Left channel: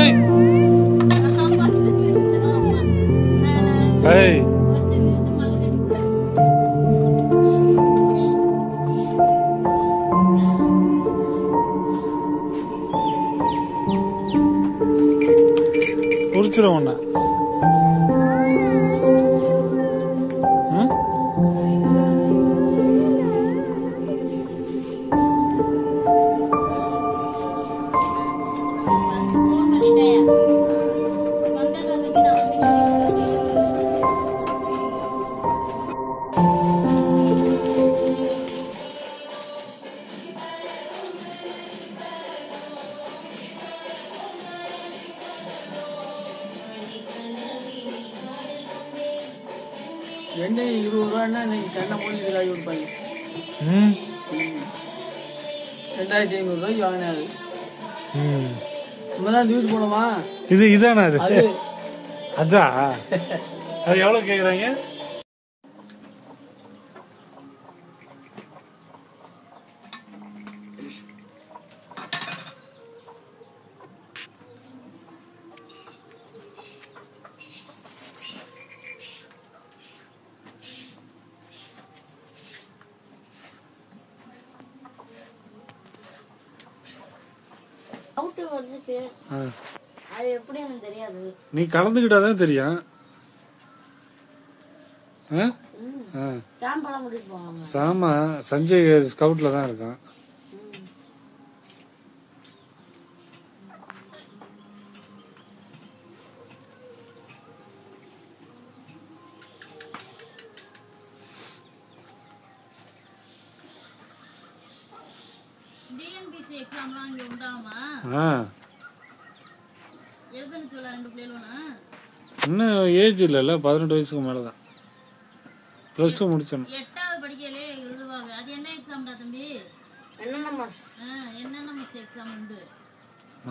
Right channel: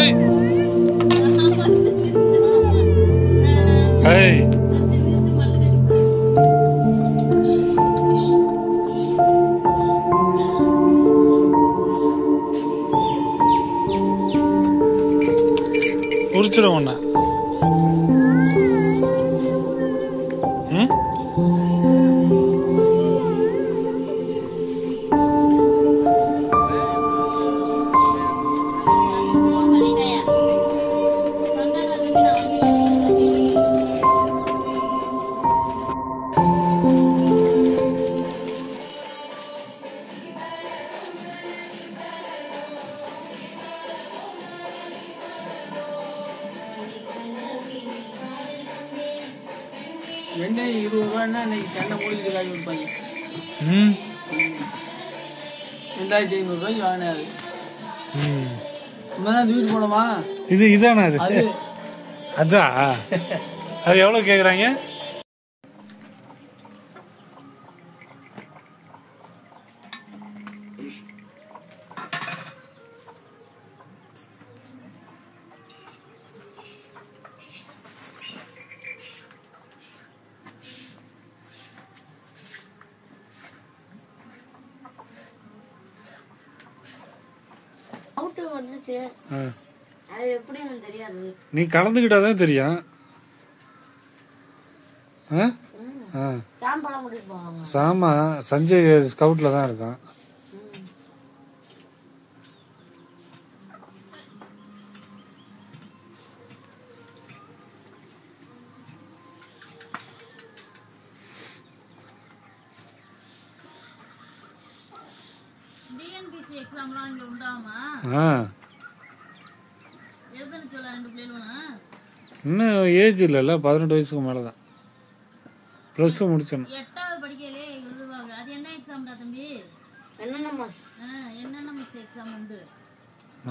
ஏய் ஏய் உரிச்சிடும் ஒண்ணு. வெங்காயம் 20 ரூபான்னா இன்னைக்கு தென்னை மூலிகை காய் கொடுப்பாங்க. 2500 ரூபாய்க்கு வாங்கினாரு. நம்ம தான் தூக்கிட்டு போனோமா? இதானா அது? அதான் அது எவ்வளவு கேக்குறாங்க? நீ கலந்துக்கிட்டாதான் தெரியும். சாமா சஞ்சய் ஸ்கவுட்ல தான் இருக்கான். இன்னும் ஏஜ் இல்ல, 18 வயசுக்கு மேலதான். பிளஸ் 2 முடிச்சணும். 8வது படிக்கலே எழுதுவாங்க. அது என்ன எக்ஸாம்டா தம்பி? என்என்எம்எஸ் எக்ஸாம் உண்டு.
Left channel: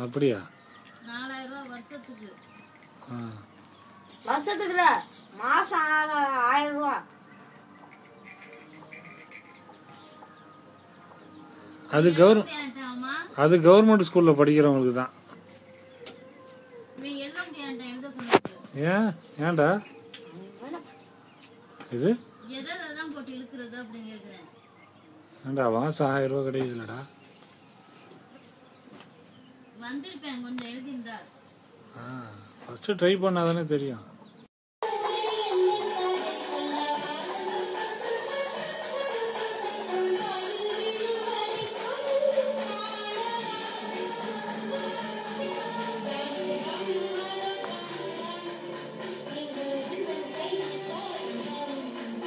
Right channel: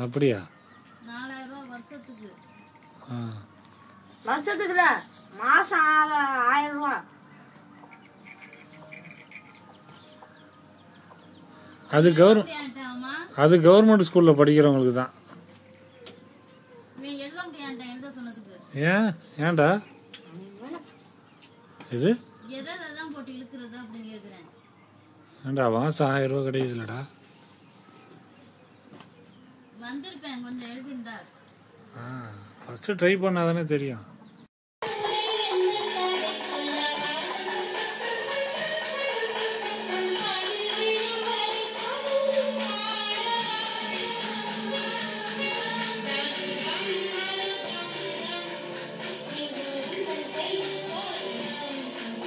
அப்படியா? 4000 ரூபாய் வருஷத்துக்கு. வருஷத்துக்குல மாசம் 1000 ரூபாய். அது கவர்மெண்ட் ஸ்கூல்ல படிக்கிறவங்களுக்கு தான். ஏன்டா இது ஏண்டா மாசம் 1000 ரூபாய் கிடைக்குதுலடா. ஃபர்ஸ்ட் ட்ரை பண்ணாதானே தெரியும்.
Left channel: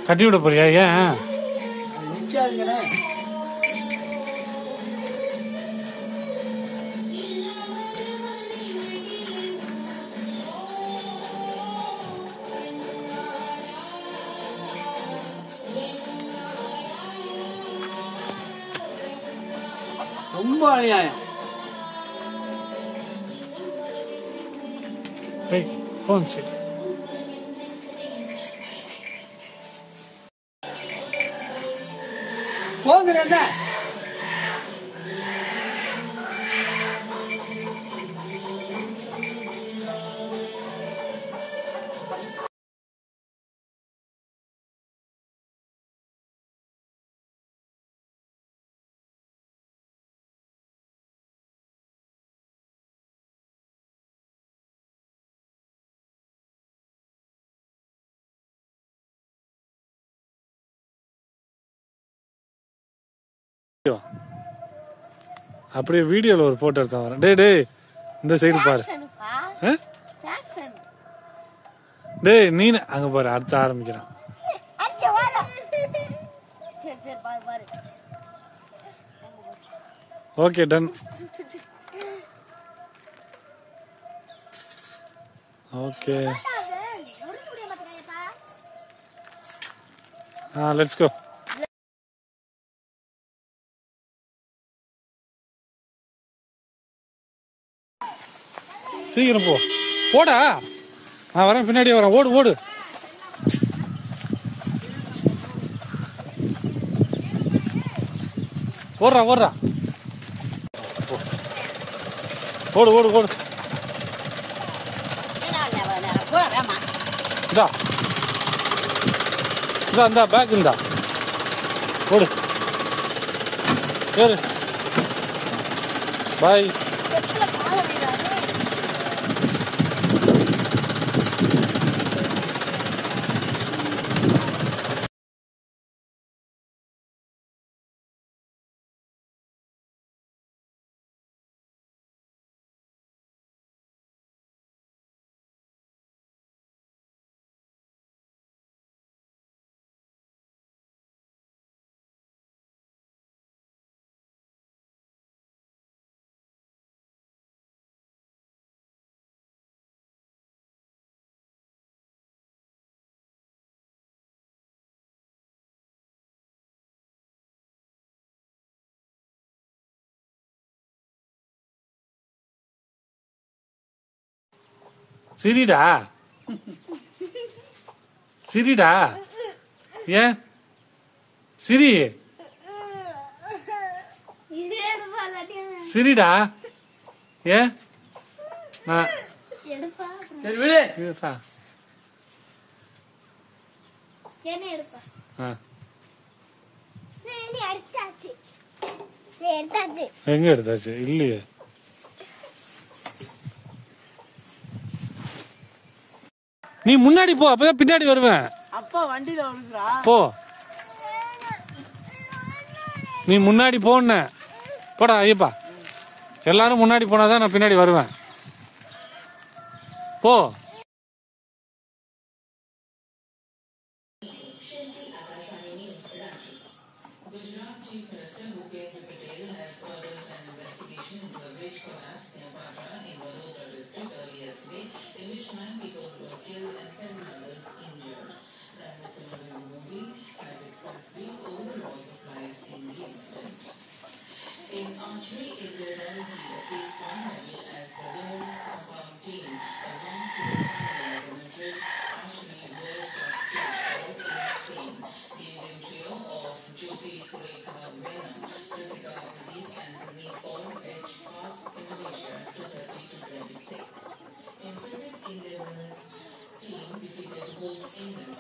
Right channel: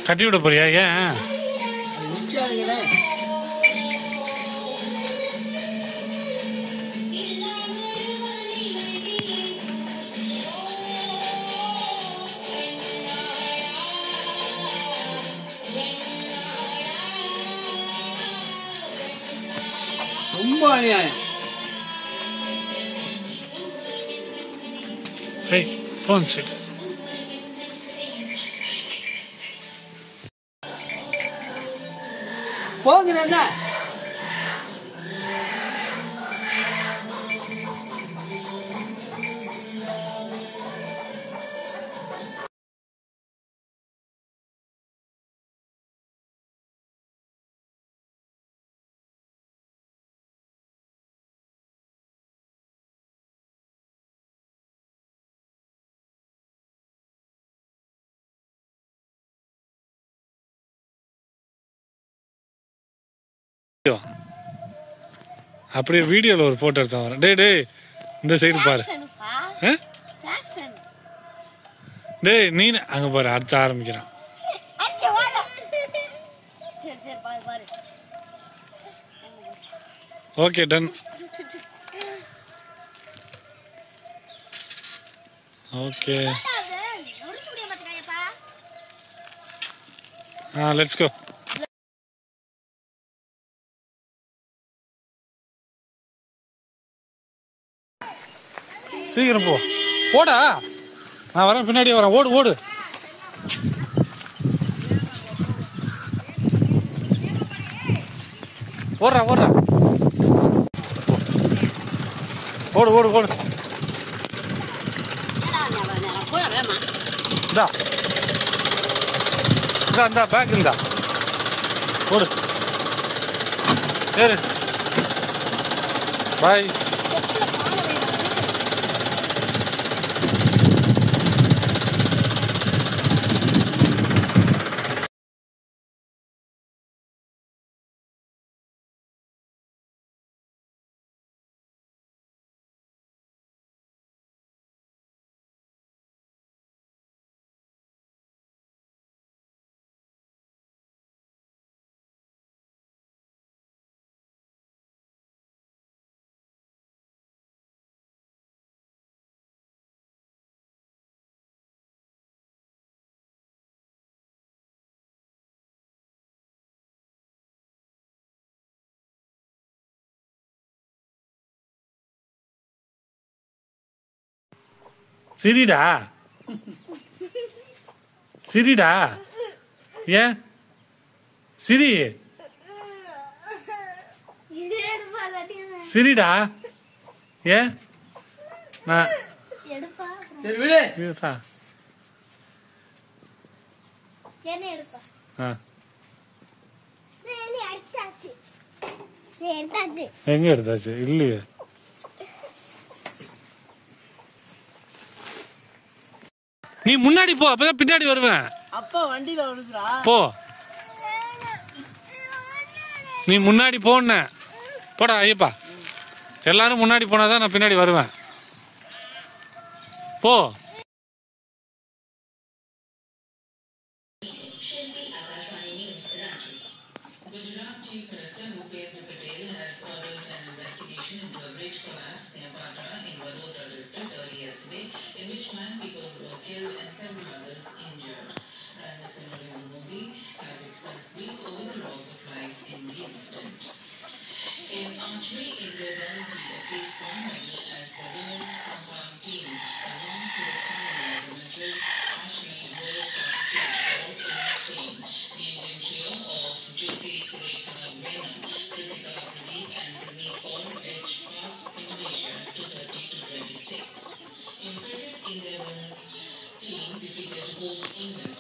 கட்டி விட போறியா? ஏன் ரொம்ப அநியாயம். போன் சீட் போகிறேன். அப்படியே வீடியோல ஒரு போட்டோ எடுத்து வரேன். டே இந்த சைடு பாரு. டேய் நீ அங்க பாரு, அடுத்து ஆரம்பிக்கிறான். Okay done. Okay let's go. சீக்கிரம் போடா. நான் வரேன், பின்னாடியே வரேன். ஓடு ஓடு. ஓடுறா ஓடுறா. ஓடு ஓடு ஓடு. இந்தா இந்தா இந்தா பேக் இந்தா போடு சரி பாய். சிரிடா சிரிடா ஏன் சிரி சிரிடா ஏன் நான் சரி விடு. இருக்கா? ஆ. எங்க எடுத்தாச்சு இல்லையே. நீ முன்னாடி போ அப்பதான் பின்னாடி வருவேன். அப்பா வண்டியில வருதுடா. போ நீ முன்னாடி போன போடா ஐயப்பா. எல்லாரும் முன்னாடி போனாதான் நான் பின்னாடி வருவேன். போ. Gujarat Chief Minister Bhupendra Patel has ordered an investigation into a bridge collapse near Patra in Vadodara district early yesterday, in which 9 people were killed and 7 others injured. Prime Minister Narendra Modi has expressed grief over the loss of lives in the incident. In archery, India guaranteed a place for medal as the women's compound team advanced to the final 11 archery World Cup stage in Spain. The Indian trio of Jyoti Surekha Rena, Kritika Pradeep and Praneeth Kaur edged past Indonesia to 30-26. In cricket, India women's team defeated host England